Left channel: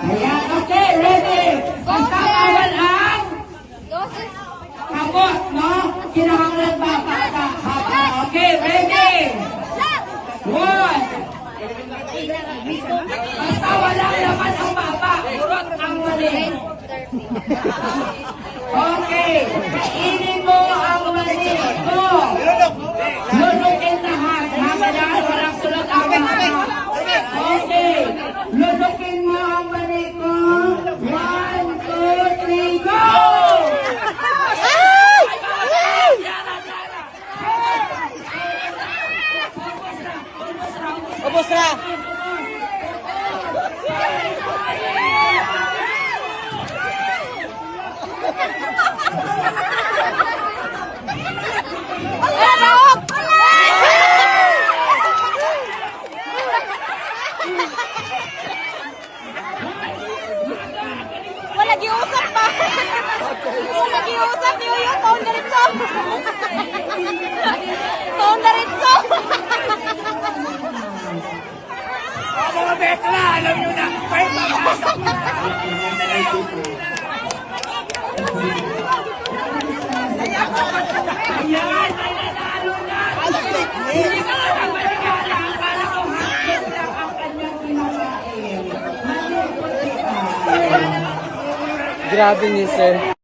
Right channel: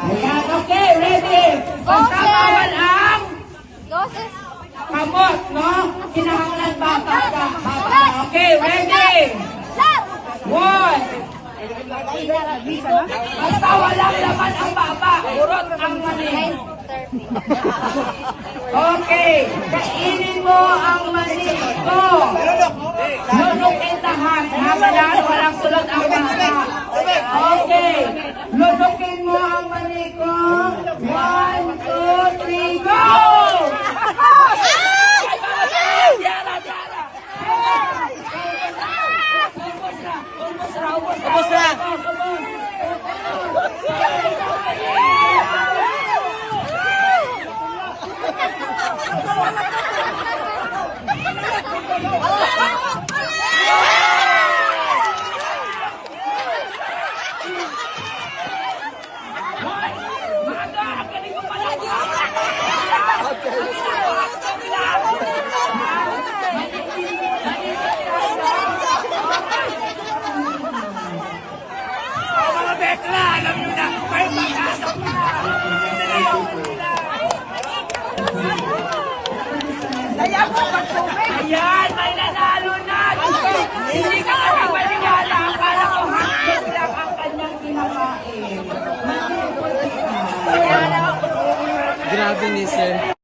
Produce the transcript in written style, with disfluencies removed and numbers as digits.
Ayan, okay, ready. Basta bawal ang kamot, no? Kinahanglan ba? Okay, ready. One. Basta wala naman ang baba. Urot ang mali. Okay. Kainin mo ang mali ko. Lulukin lahat. Hanggang walang sulat ang mga. Okay. Lulukin mo ang mali ko. 1, 2, 3, go! Ubus na! Mga bekla, alam nyo na, may pag-asa na. Ayan, may nanalo na. Hindi na ka mangyala para umahit lang ang kanyang ginawain. Grabe ni sir.